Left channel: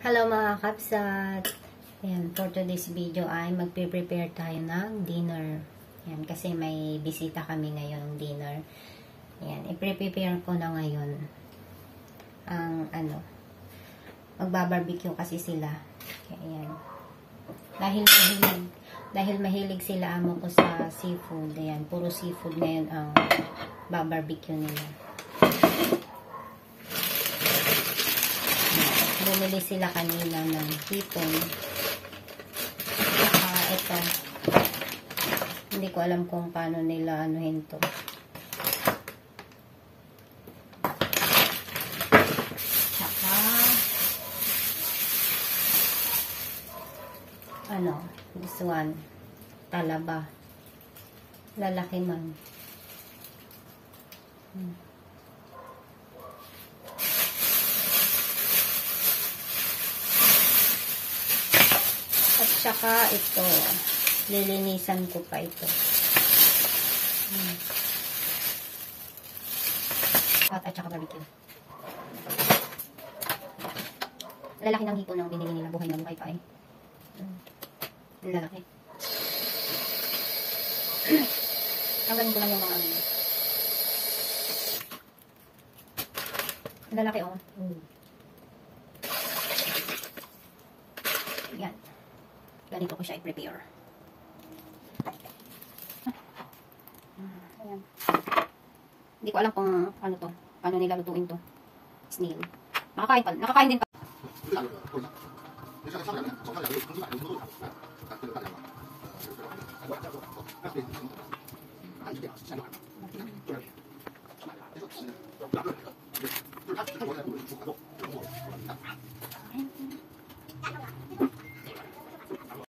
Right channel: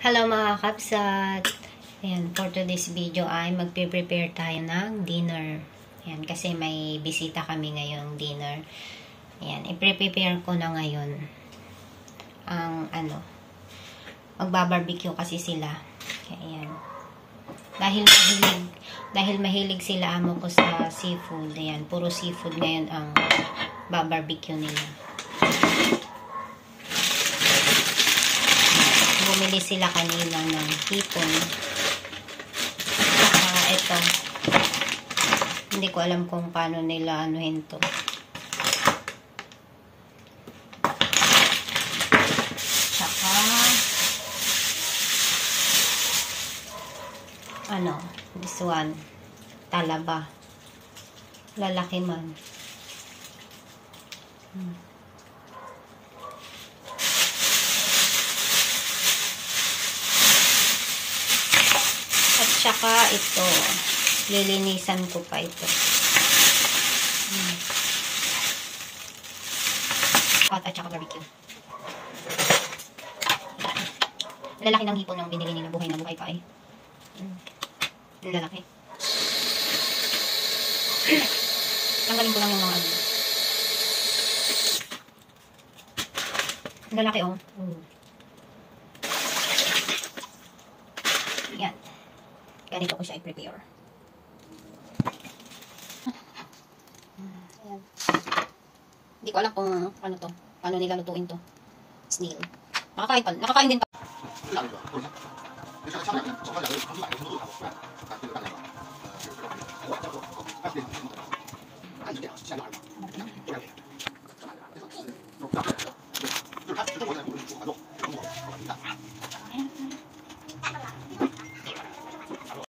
Hello mga kapsat! Ayan, for today's video ay magpe-prepare tayo ng dinner. Ayan, kasi may bisita kami ngayong dinner. Ayan, i-prepare ko na ngayon ang magbabarbecue kasi sila. Ayan. Dahil mahilig sila amo ko sa seafood. Ayan, puro seafood ngayon ang babarbecue nila. Bumili sila kanina ng hipon. Saka ito. Hindi ko alam kung paano nila anuhin to. Saka this one. Talaba. Lalaki man. At saka ito, lilinisan ko pa ito. Hot at saka barbecue. Lalaki ng hipon ng binili nila, buhay na buhay pa eh. Lalaki. Tanggalin ko lang yung mga lalaki oh. Yan. Ganito ko siya i-prepare. Ayan. Hindi ko alam kung ano to. Paano nila lutuin to. Snail. Nakakain din pa.